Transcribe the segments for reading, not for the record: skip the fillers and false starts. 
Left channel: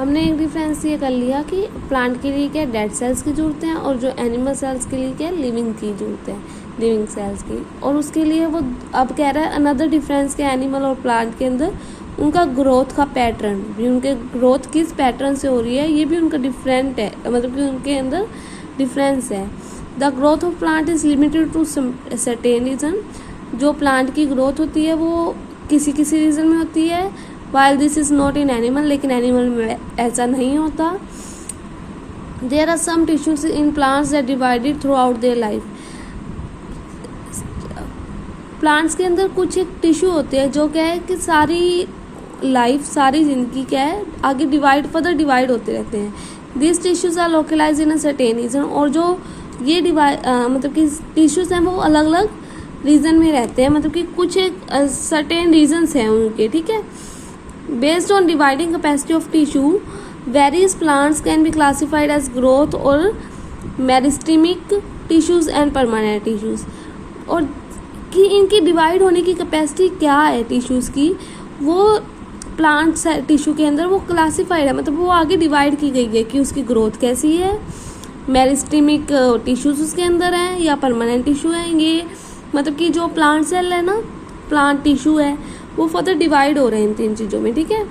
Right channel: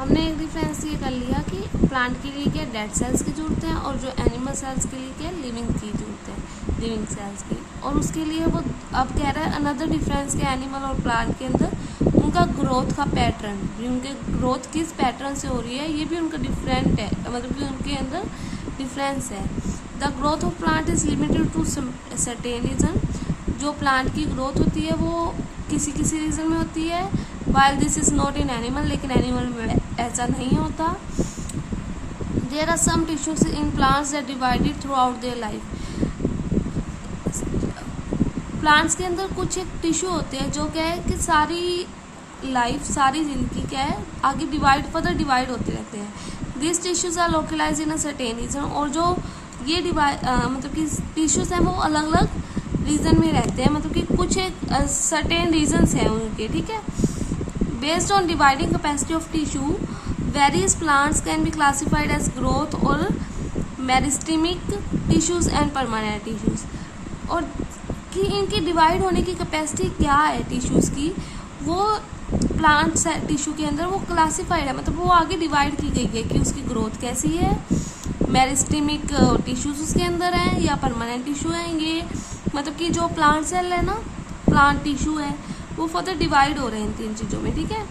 हमने एक डिफरेंस ये कर लिया कि प्लांट के लिए क्या डेड सेल्स की जरूरत है और जो एनिमल सेल्स के लिए क्या लिविंग की जरूरत है, लिविंग सेल्स की। और उसके लिए वो अब कह रहा है अनदर डिफरेंस के एनिमल और प्लांट के अंदर उनका ग्रोथ का पैटर्न भी, उनके ग्रोथ किस पैटर्न से हो रही है ये भी उनका डिफरेंट है, मतलब कि उनके अंदर डिफरेंस है। The growth of plant is limited to certain region. जो प्लांट की ग्रोथ होती है वो किसी किसी रीजन में होती है, while this is not in animal, लेकिन एनिमल में ऐसा नहीं होता। There are some tissues in plants that divided throughout their life. Plants के अंदर कुछ एक टिश्यू होते हैं जो क्या है कि सारी लाइफ, सारी जिंदगी क्या है आगे फर्दर डिवाइड होते रहते हैं। This tissues are localize in a certain region. और जो ये मतलब कि टिश्यूज हैं वो अलग अलग रीजन में रहते हैं, मतलब कि कुछ एक सर्टेन रीजन्स हैं उनके, ठीक है। Based on dividing capacity of tissue, various plants can be classified as growth और meristematic tissues and permanent tissues. और कि इनकी डिवाइड होने की कैपेसिटी क्या है टिश्यूज की, वो प्लांट टिश्यू के अंदर वो क्लासिफाइड है, मतलब वो आगे डिवाइड की गई है कि उसकी ग्रोथ कैसी है। मेरिस्टेमिक टिश्यूज उसके अंदर है या परमानेंट टिश्यू है। ये मतलब कि जो प्लांट सेल है ना, प्लांट टिश्यू है, वो फर्दर डिवाइड हो रहे हैं इन तीन चीजों में, ठीक है।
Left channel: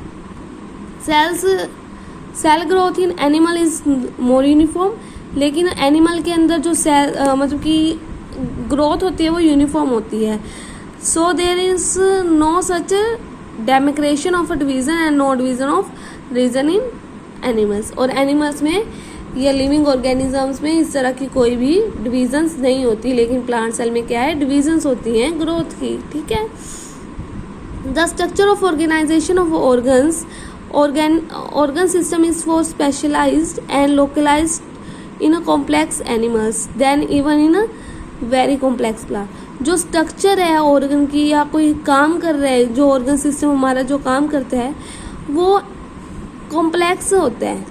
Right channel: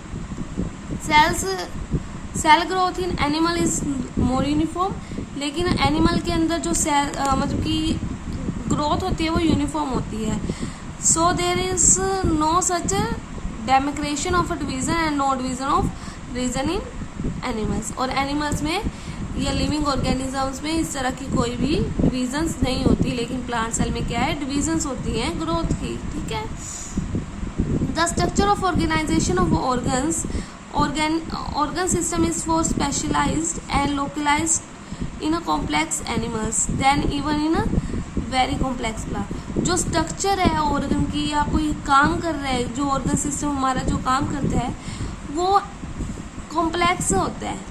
Cell growth in animal is more uniform, लेकिन एनिमल के अंदर जो सेल मतलब कि ग्रोथ होती है वो यूनिफॉर्म होती है। So there is no such demarcation of a division and no division of region in animals. और एनिमल्स में या लिविंग ऑर्गेनिजम्स में इस तरह की कोई भी डिविजन्स नहीं होती, लेकिन प्लांट सेल में क्या है डिविजन्स होती हैं ग्रोथ की, ठीक है। The structure of organisation of organs, organ system is for specialized and localized in a complex animals than even in a very complex plant। जो स्ट्रक्चर है ऑर्गन की या कोई काम कर रहा है, जो ऑर्गन सिस्टम हमारा जो काम करता है वो कॉम्प्लेक्स होता है।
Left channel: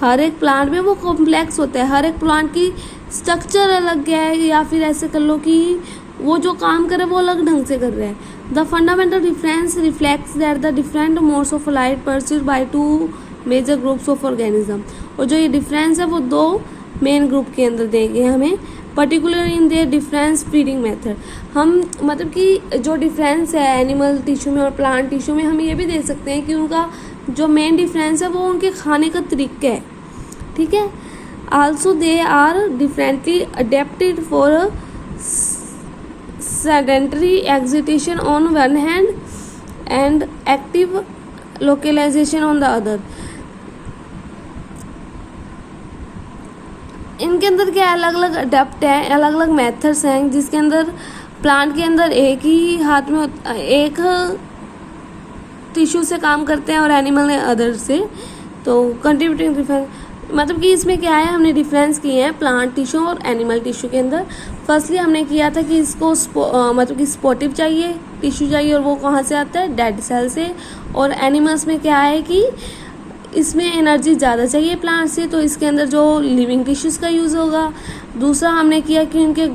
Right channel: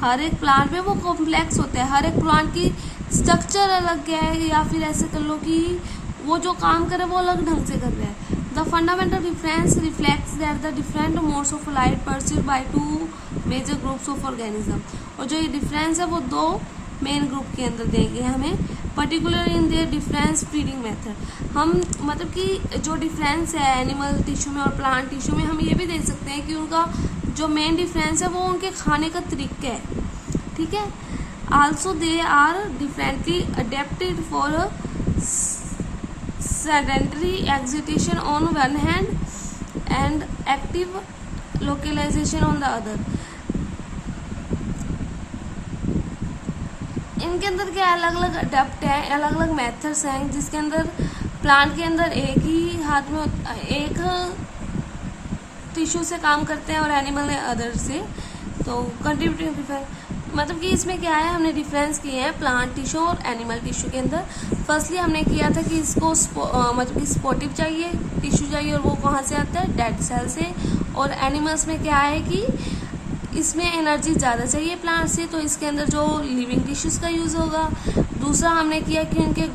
हर एक प्लांट में वो कॉम्प्लेक्स होता है, हर एक प्लांट की स्ट्रक्चर अलग है, या फिर ऐसे कर लो कि वो जो काम कर रहा है वो अलग ढंग से कर रहा है। The fundamental difference reflects that the different modes of light perceived by two major groups of organism. और जो ये डिफरेंस है वो दो मेन ग्रुप के अंदर देंगे हमें, particular in their difference feeding method. हम मतलब कि जो डिफरेंस है एनिमल टिश्यू में और प्लांट टिश्यू में, हम ये भी देख सकते हैं कि उनका जो मेन डिफरेंस है वो उनके खाने का तरीका है, ठीक है। Also they are differently adapted for sedentary excitation on one hand and active localization on the other। इनके अंदर क्या अलग अलग अडेप्ट है, अलग अलग मेथड्स हैं, जिसके अंदर प्लांट के अंदर एक ही हाथ में एक टिश्यू से काम करते हैं और एनिमल ने अदर से। तो कंट्रीब्यूटिंग डिफरेंस मतलब कि इसमें क्या है, हमने डिफरेंस किए हैं प्लांट टिश्यू और एनिमल टिश्यू के अंदर। फर्स्टली हमने किया था कि इसको मतलब कि स्पोटिव चाहिए टिश्यू चाहिए, और वो कहाँ से आता है डेड सेल से। और एनिमल्स में क्या है कि इसमें एनर्जी ज़्यादा चाहिए प्लांट से, तो इसके अंदर जो लिविंग टिश्यूज का यूज़ होगा। दूसरा हमने किया कि उनके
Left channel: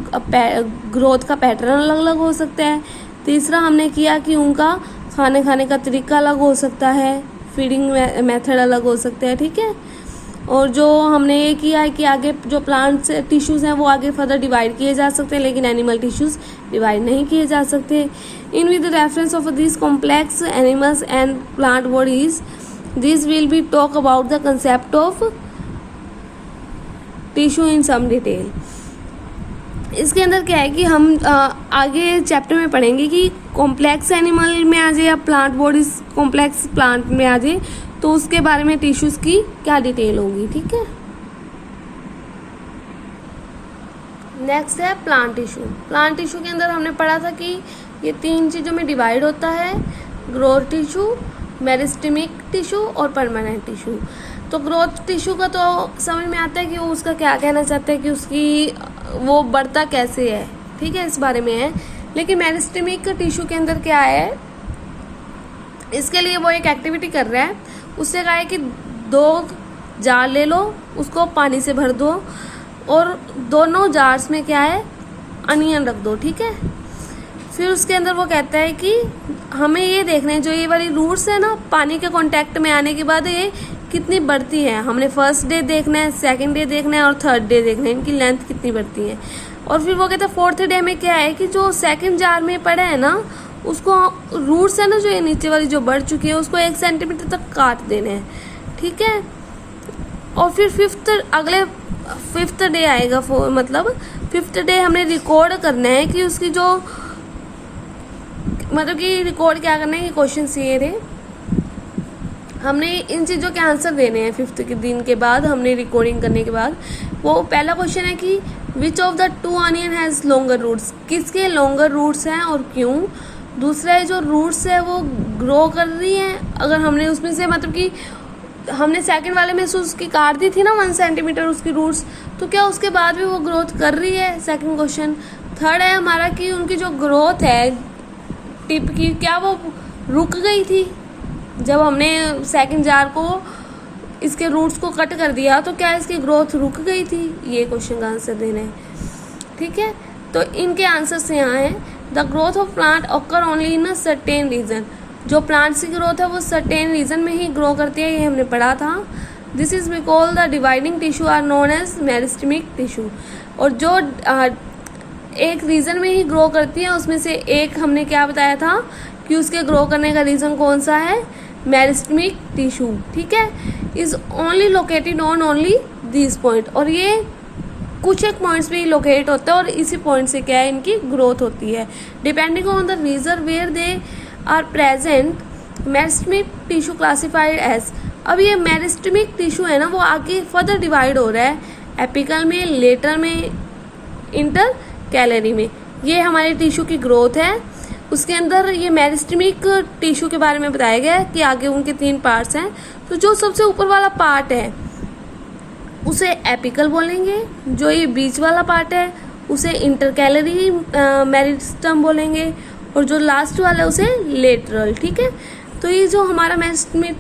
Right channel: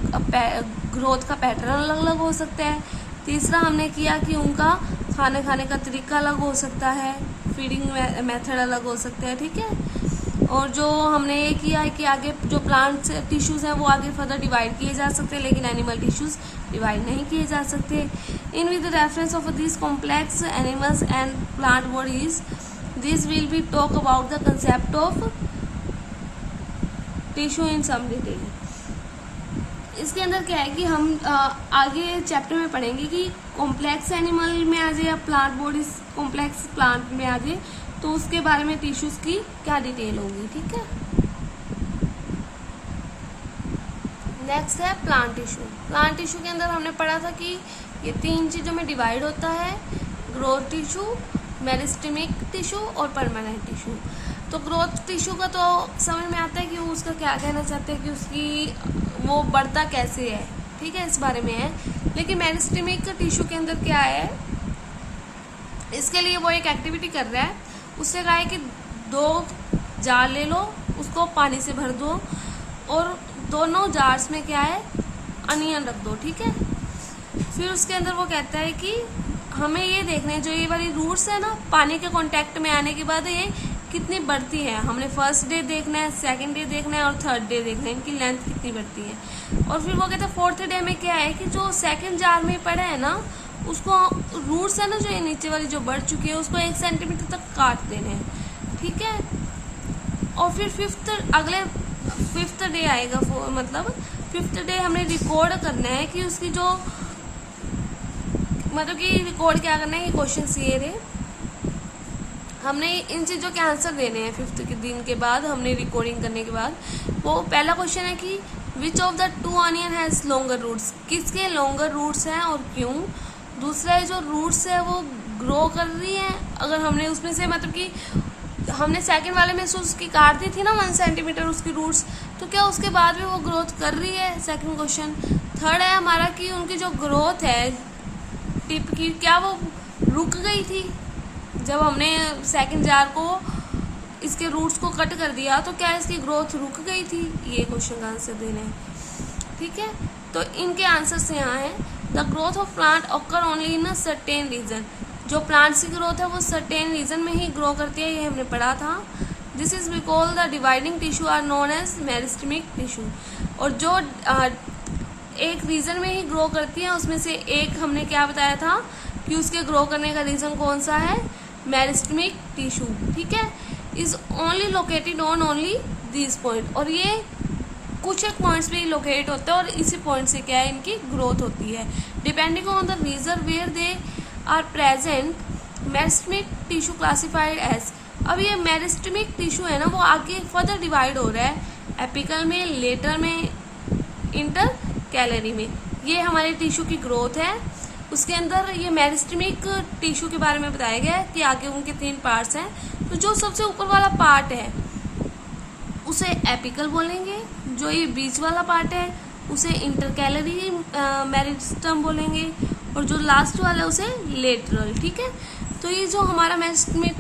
ग्रोथ का पैटर्न अलग अलग हो सकता है। तीसरा हमने किया कि उनका खाने का तरीका अलग हो सकता है, फीडिंग मेथड अलग हो सकता है, ठीक है। और जो हमने ये किया है कि आगे जो प्लांट टिश्यूज हैं वो आगे फर्दर डिवाइड किए जा सकते हैं, लेकिन एनिमल टिश्यूज डिवाइड नहीं किए जा सकते। In with the reference of this complex animals and plant bodies, this will be talk about the concept of tissue in some detail. इसके अंदर क्या है कि हम आगे चैप्टर में पढ़ेंगे कि कॉम्प्लेक्स एनिमल में आ जाए या प्लांट बॉडीज कॉम्प्लेक्स प्लांट में आ जाए, तो उसके बारे में टिश्यूज की क्या डिटेल होगी, ठीक है। नेक्स्ट है प्लांट टिश्यू। प्लांट टिश्यू के अंदर हमने पढ़ा था कि ये तीन चीजों में डिवाइड होता है, ग्रोथ टिश्यू, मेरिस्टेमिक टिश्यू और परमानेंट टिश्यू। तो ग्रोथ टिश्यू का तो समझ में आता है कि वो उसका क्या कहना चाहता है कि उसकी वो बढ़ता कैसे है, ठीक है, इस बारे में है। लेकिन मेरिस्टेमिक टिश्यू के अंदर क्या है, इसके लिए वो एक एक्टिविटी कर रहा है। उससे कहा है कि 2 जार ले लो, उसको पानी से भर दो और दोनों जार्स में क्या है अनियन रख दो, ठीक है। फिर उसके अंदर वो कहता है कि हमें ये देखना है जो ये वाली रूट्स है ना, पानी के कांटेक्ट में आने के बाद ये कितनी बढ़ती है। हमने फर्स्ट डे देखना है, सेकंड डे देखना है और थर्ड डे देखना है, इनकी लेंथ कितनी बढ़ती है। और फिर वो कहते हैं फोर्थ डे में क्या है कि जो सेकंड जार में पड़ा है ना, उसको रूट्स है ना जो ये नीचे वाली जो बढ़ चुकी है, उसको 1 सेंटीमीटर तक काट देना है, ठीक है। और फिर फिफ्थ डे आएगा, मतलब फिफ्थ डे हमने रिकॉर्ड करना है कि उसकी जो मतलब कि रिकॉर्ड क्या करना है, क्वेश्चन ये रहे, हमने इन चीज़ों के आंसर देने हैं। फिफ्थ के दिन के बाद हमने रिकॉर्डिंग करने के बाद वो पहला क्वेश्चन है कि which of the 2 onion has longer roots, किसके लॉन्गर रूट्स हैं और क्यों। दूसरा है जो रूट्स है वो ग्रो कर रही हैं, अगर हमने उसमें से मतलब कि हमने सेकंड वाले में से उसकी काट दी थी ना 1 सेंटीमीटर उसकी रूट्स, तो क्या उसके बाद भी वो ग्रोथ कर रही है, सेकंड क्वेश्चन। थर्ड है हमारा कि उनकी जो ग्रोथ है टिप की, क्या वो रुक गई थी जब हमने सेकंड जार को इसके रूट्स को कट कर दिया, तो क्या इसकी ग्रोथ रुक गई थी, ये क्वेश्चन का आंसर देना है, ठीक है। तो इनके आंसर्स यहाँ हैं, the growth of plant occur only in a certain region, जो प्लांट्स की ग्रोथ है वो सर्टेन रीजन में ही ग्रो करती है, ये हमने पढ़ा था। This is because the dividing tissue are known as meristematic tissue, और जो एक रीजन में ही ग्रो करती है उसमें से एक हमने क्या बताया था कि उसके ग्रो करने का रीजन कौन सा है, मेरिस्टेमिक टिश्यू, ठीक है। Is only located on only this point, और ये कुछ एक पॉइंट्स पे लोकेट होता है और इसी पॉइंट से क्या है इनकी ग्रोथ होती है, depending on the region where they are present. Meristematic tissue classified as, अब ये मेरिस्टेमिक टिश्यू है ना वो आगे फर्दर डिवाइड हो रहा है, एपिकल में, लेटर में, इंटर कैलरी में। ये हमारे टिश्यू की ग्रोथ है, उसके अंदर ये मेरिस्टेमिक टिश्यू के बारे में बताया गया है कि आगे उनके 3 पार्ट्स हैं। तो जो सबसे ऊपर वाला पार्ट है उसे एपिकल बोलेंगे, जो ये बीच वाला पार्ट है उसे इंटरकैलरी मेरिस्टम बोलेंगे, और जो लास्ट वाला है उसे लेटरल, ठीक है। तो ये जो हमारा मेरिस्टेमिक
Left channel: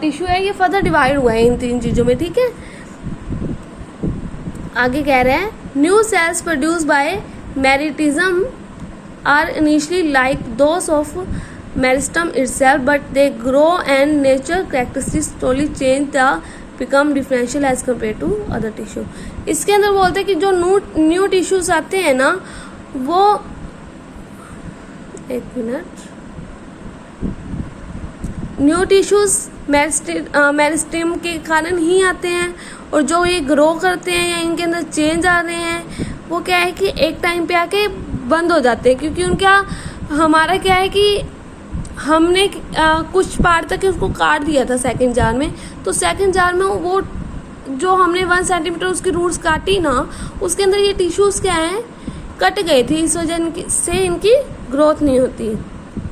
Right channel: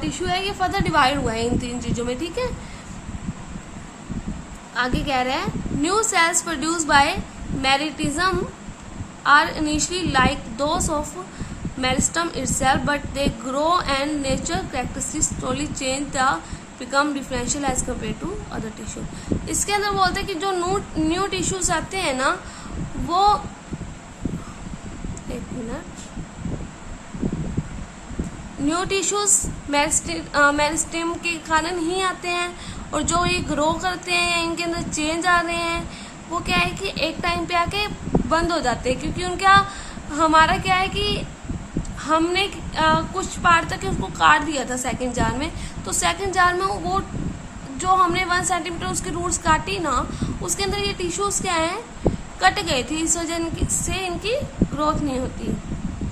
टिश्यू है ये फर्दर डिवाइड हुआ है इन 3 चीज़ों में, ठीक है। आगे कह रहे हैं new cells produce by meristem are initially like those of meristem itself, but they grow and nature characteristics slowly change the become differential as compare to other tissue. इसके अंदर बोलते हैं कि जो न्यू टिश्यूज आते हैं ना वो, एक मिनट, न्यू टिश्यूज मेरिस्टेम के कारण ही आते हैं, और जो ये ग्रो करते हैं या इनके अंदर चेंज आ रहे हैं वो क्या है कि एक टाइम पे आके बंद हो जाते हैं, क्योंकि उनका हमारा क्या है कि हमने कुछ पार्ट तक उसको काट दिया था सेकंड जार में, तो सेकंड जार में वो जो हमने 1 सेंटीमीटर उसकी रूट्स काटी ना, उसके अंदर ये टिश्यूज क्या है कट गए थे, इस वजह से इनकी ग्रोथ नहीं होती।